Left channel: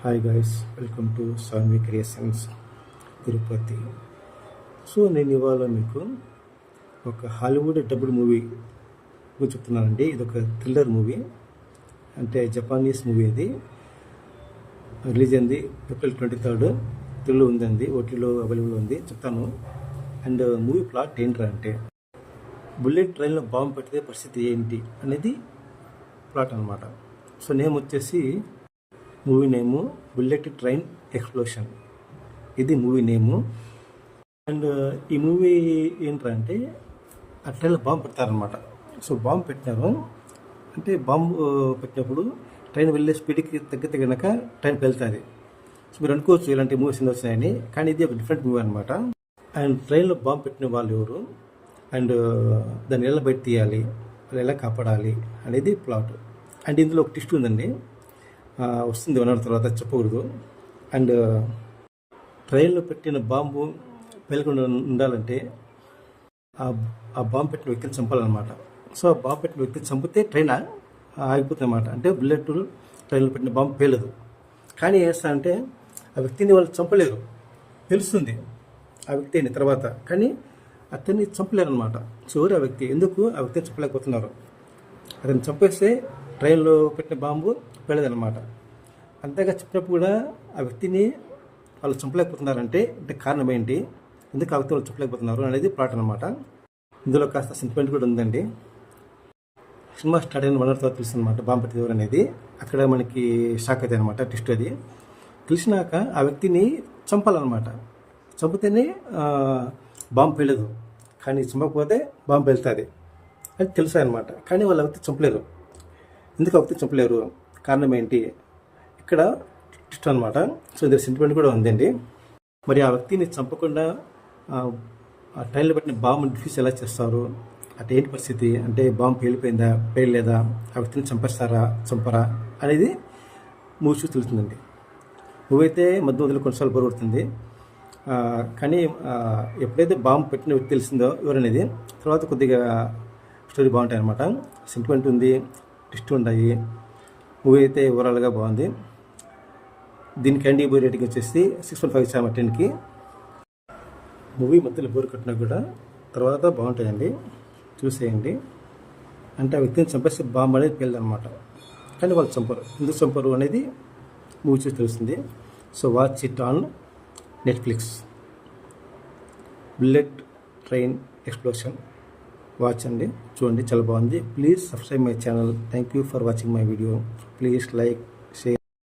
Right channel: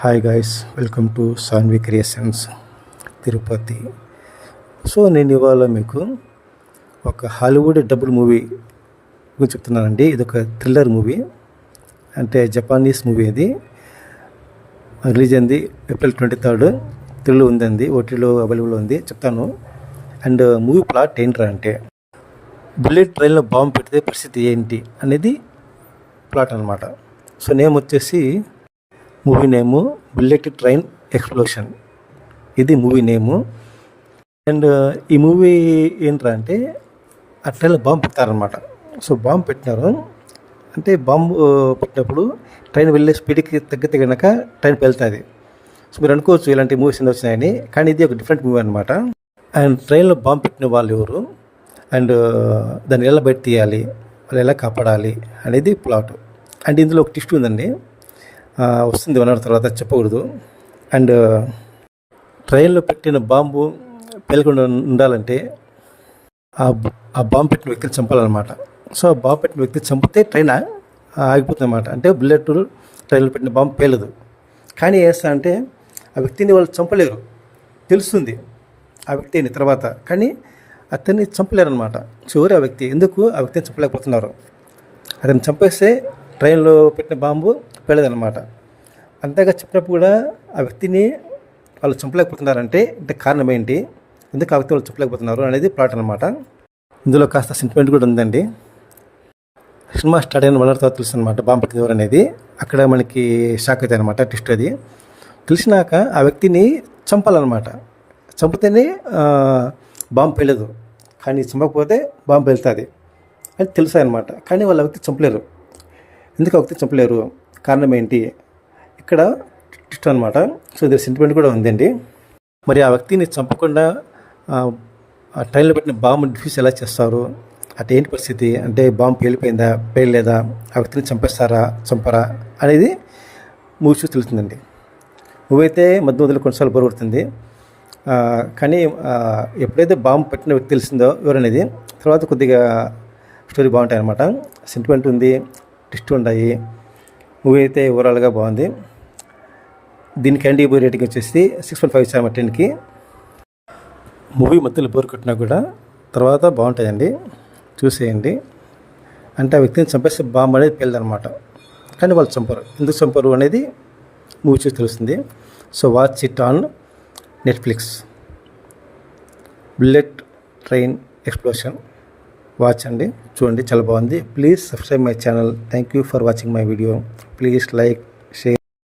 Hi guys, welcome to Sanvi creations Tirupati. So నేను ఇవాళ మీకు ఒక హాలీవుడ్ డబుల్ మూవీ గురించి చెప్తున్నానండి. ఇది ఒక థ్రిల్లర్ మూవీ, అంటే జపానీస్ మూవీ. ఇది రిలీజ్ అయింది April 23. తెలుగు ఉందండి, ఓటీలో అవైలబుల్ ఉంది. చెప్తాను. అండ్ మూవీ ప్లాట్ ఏంట్రా అంటే, బుల్లెట్ ట్రైన్లో బాంబు పెడితే పరిస్థితి ఏంటి అనేది ప్లాట్ అనమాట. సో నేమ్ వచ్చేసి, మూవీ నేము బుల్లెట్ ట్రైన్ ఎక్స్ప్లోషన్. ఇది మూవీ నేము. అండ్ ఈ మూవీ ఏంట్రా అంటే, ఆ ట్రైన్లో బాంబు పెడతారనమాట. సో బాంబు పెట్టినారు అంటే, బాంబు పెట్టినప్పుడు ట్రైన్ వెళ్ళే స్పీడ్కి తగ్గితే కనుక ట్రైన్ వెళ్తుంది. సో మీరు అనుకోవచ్చు ఇలాంటి మూవీస్ ఎన్ని వచ్చినాయని, కానీ ఇది ఒక డిఫరెంట్ మూవీ అనమాట. అండ్ ట్రైన్లో బాంబు పెట్టిన వాళ్ళు ఎవరు, అండ్ దాన్ని ఎలా బయట తీయాలి, వాళ్ళు ఎలా కాపాడాలి అనేది ప్లాట్. అండ్ ఇందులో ఒక ట్విస్ట్ ఉందండి, వస్తుంది 1 hour తర్వాత, చెప్పకూడదు. అండ్ ట్రైన్లో పెట్టిన బాంబు పేలకుండా ఉండాలంటే ఆ బాంబు పెట్టిన వ్యక్తిని చంపాలన్నమాట. సో ఆ బాంబు పెట్టిన వ్యక్తిని చంపితే ట్రైన్ ఆగిపోతుంది అన్నమాట. అంటే బుల్లెట్ ట్రైన్లో పెట్టిన బాంబు పేలదు. కానీ ఏం చేస్తా అంటే, ఆ వ్యక్తిని వాళ్ళు చంపలేరు, తెలుస్తుంది ఆ వ్యక్తిని తర్వాత, కానీ అతన్ని చంపలేరు అనమాట. చివరి ఆ వ్యక్తి ఎందుకు ఆ వ్యక్తిని చంపలేకపోతున్నారు, అతన్ని చంపేస్తే ట్రైన్లో పెట్టిన బాంబు పేలదనమాట. అంతేగా చెప్పినప్పుడు కూడా ఆ వ్యక్తిని వాళ్ళు చంపలేకపోతున్నారంటే కారణం ఏంటి, ఎందుకు ఆ వ్యక్తి వాళ్ళు చంపలేకపోతున్నారు అనేది ప్లాట్ అనమాట. ఇందులో కాస్త సెంటిమెంట్ కూడా ఉందండి. సినిమా స్టార్ట్ అయిన 1 hour తర్వాత తెలుసు అనమాట బాంబు పెట్టింది ఎవరు అనేది. అక్కడ మనకి షాక్ అవుతాయి అనమాట, ట్విస్ట్ అది. తెలిసినాక ఆ వ్యక్తిని చంపాలన్నమాట. చంపితేనే బాంబు పేలదు, కానీ చంపకపోతే బాంబు వెళ్తుంది అని తెలుసు అనమాట. కానీ వాళ్ళ వ్యక్తి చంపలేరు. ఎందుకు ఆ వ్యక్తి చంపలేరు, కారణం ఏంటి, ఇక్కడ ట్విస్ట్ అనమాట. సో ఇది సెంటిమెంట్ కూడా ఉందండి. మరి ఆ వ్యక్తిని చంపకుండా ఆ ట్రైన్లో పెట్టిన బాంబు డిఫ్యూజ్ ఎలా చేస్తారు, అంటే ఏంటి పరిస్థితి, అంటే బాంబు పేలిపోయిందా పేయలేదా, ఆ వ్యక్తిని చంపేస్తారా చంపరా అనేది మూవీ చూసి తెలుస్తుందండి. మూవీ అయితే మధ్య మధ్యలో కొన్నిసార్లు బోర్ కొడుతుంది, కానీ ఎప్పుడైతే బాంబు పెట్టిన వ్యక్తి తెలిసిందో ఎవరనేది, తర్వాత కొద్దిగా స్టోరీ బాగుంటాయి అనమాట. సెంటిమెంట్ ఉంది, ట్విస్ట్ ఉంటాయి. మూవీ అయితే ఓవరాల్గా బాగుంది. దీనికి IMDb రేటింగ్ వచ్చేసి 6.5 ఇచ్చాము 10కి. మూవీ మధ్యలో బోర్ కొట్టినా కూడా తర్వాత బాగుంటాయండి, చూసేయండి. అంటే ఆ వ్యక్తిని చంపేస్తే బాంబు అనేది పేలదనమాట, కానీ వాళ్ళు చంపరు. ఎందుకు చంపరు అనేది మూవీ చూసి తెలుస్తుంది. So watch it on Netflix. Bullet train explosion watch అండి, చూడండి, చాలా బాగుంది. Please subscribe my channel. Thank you for watching my video. Please like, share.